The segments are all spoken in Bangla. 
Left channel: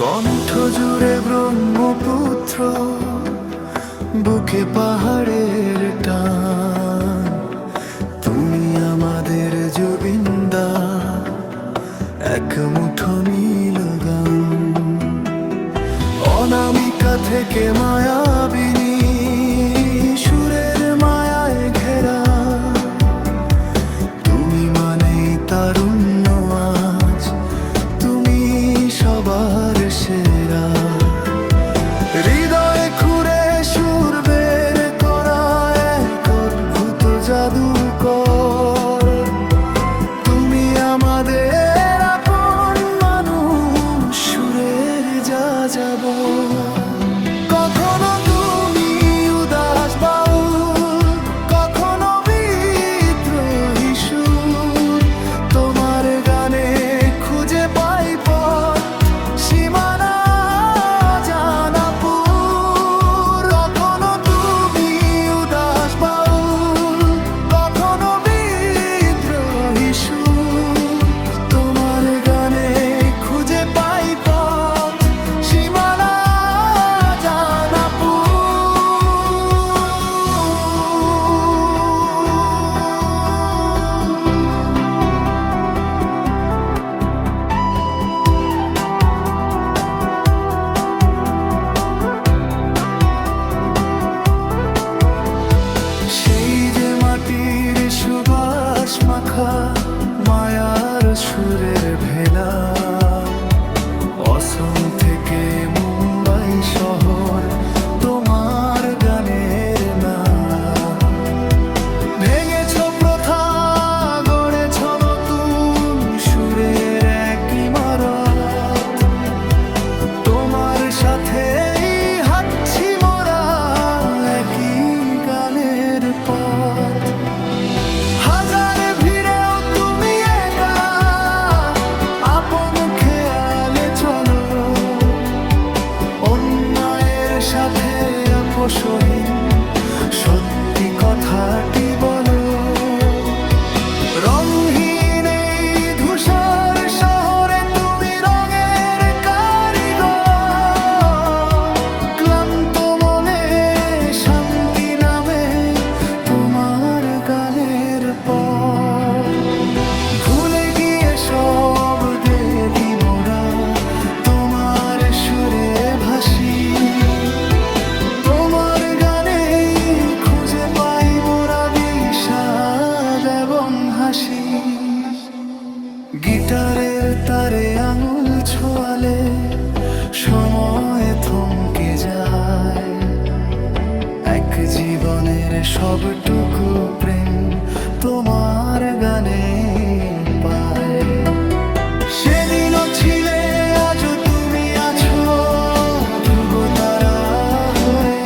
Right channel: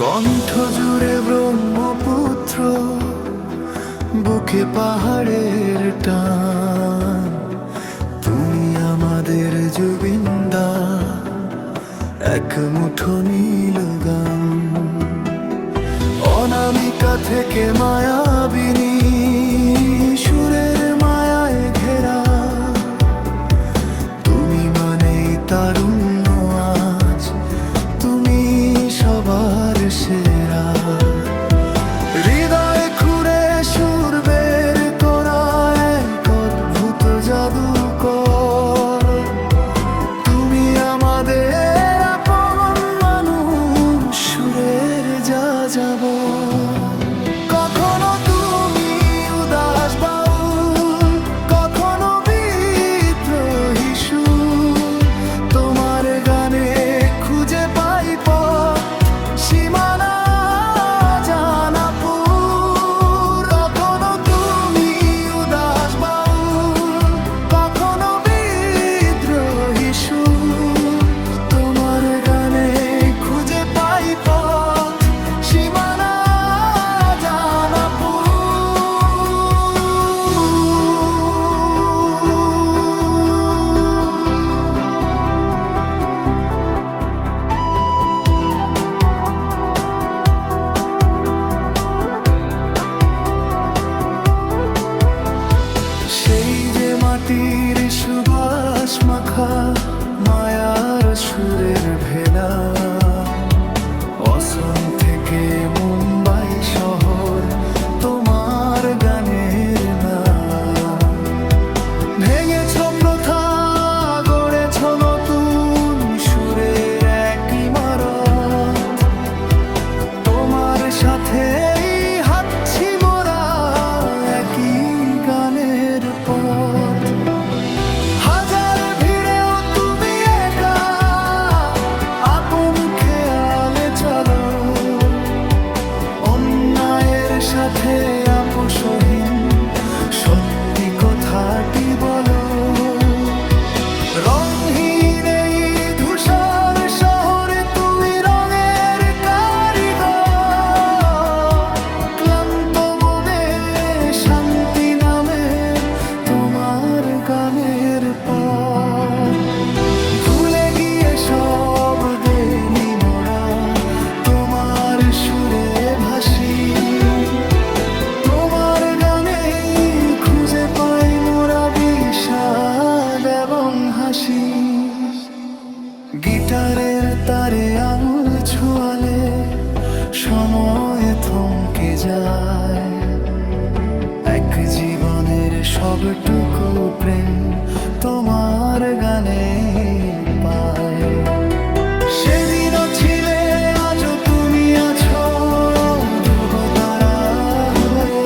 কণ্ঠ জুড়ে ব্রহ্মপুত্র, বুকে পাহাড়ের টান। তুমি আমাদের জুবিন্দা, এক মুঠো নীল গান। অনামিকা থেকে মায়াবিনী, সুরের মায়ায় ঘেরা। তুমি মানেই তারুণ্য আজ, তুমি সবার সেরা। হৃদয়ে খুঁড়ে সুর বের করা এক অদ্ভুত জাদুকর। তুমি আমাদের আপন মানুষ, সুরের যাযাবর। কখনো তুমি উদাস বাউল, কখনো বিদ্রোহী সুর। তোমার গানে খুঁজে পাই পথ, সীমানা জানা পুর। কখনো তুমি উদাস বাউল, কখনো বিদ্রোহী সুর। তোমার গানে খুঁজে পাই পথ, সীমানা জানা পুর। সেই যে মাটির সুবাস মাখা মায়ার সুরের ভেলা। অসম থেকে মুম্বাই শহর, তোমার গানের না। ভেঙেছ প্রথা, গড়েছ নতুন সুরের এক ইমারত। তোমার সাথেই হাঁটছি মোরা, একই গানের পথ। হাজার ভিড়েও তুমি একা, আপন খেয়ালে চলো। অন্যায়ের সাথে আপোষহীন সত্যি কথাটি বলো। রংহীন এই ধূসর শহরে তুমি রঙের কারিগর। ক্লান্ত মনে শান্তি নামে তোমার গানের পর। ভুলে গিয়ে সব দেলি মোরা, তোমার সুরে ভাসি। তোমার গানে খুঁজে পাই মোরা বিষাদ এবং হাসি। গিটারের তারে আঙুল ছোঁয়ালে সময় থমকে যায়। এক জীবনের সবটুকু প্রেম তোমার গানে পায়। সেদিনও ছিলে, আজও তুমি আছো ধ্রুব তারা হয়ে।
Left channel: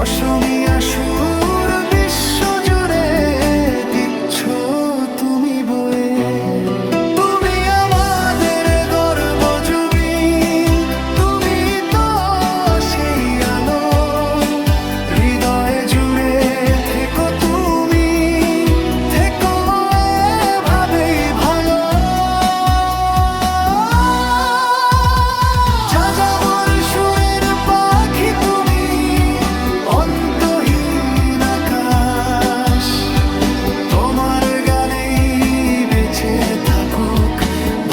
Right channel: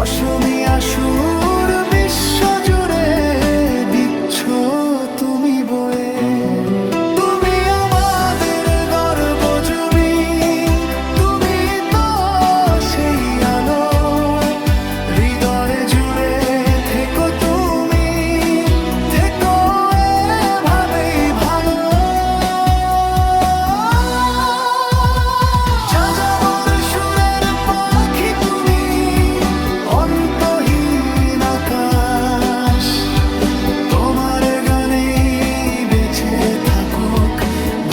অসমীয়া সুর বিশ্ব জুড়ে দিচ্ছ তুমি বয়ে। তুমি আমাদের গর্ব জুবিন, তুমি তো সেই আলো। হৃদয়ে জুড়ে থেকো তুমি, থেকো এভাবেই ভালো। যাযাবর সুরের পাখি তুমি, অন্তহীন আকাশ। তোমার গানেই বেঁচে থাকুক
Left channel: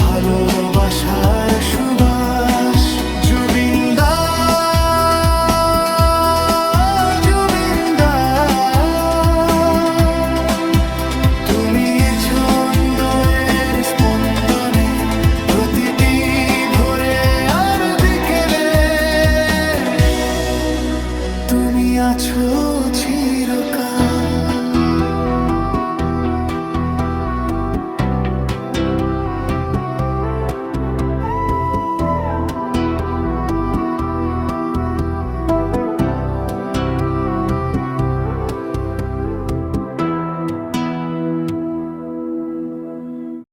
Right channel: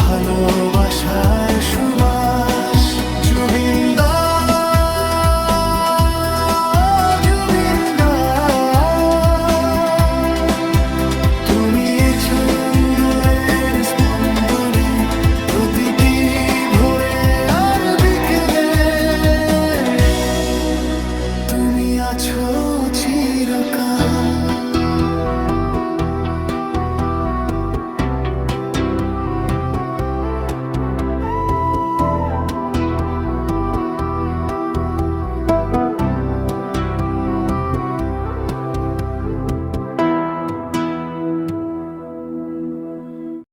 ভালোবাসার সুবাস। জুবিন্দা, জুবিন্দা, তুমি এ ছন্দের স্পন্দনে, প্রতিটি ভোরে আর বিকেলে। তুমি আছো চিরকাল।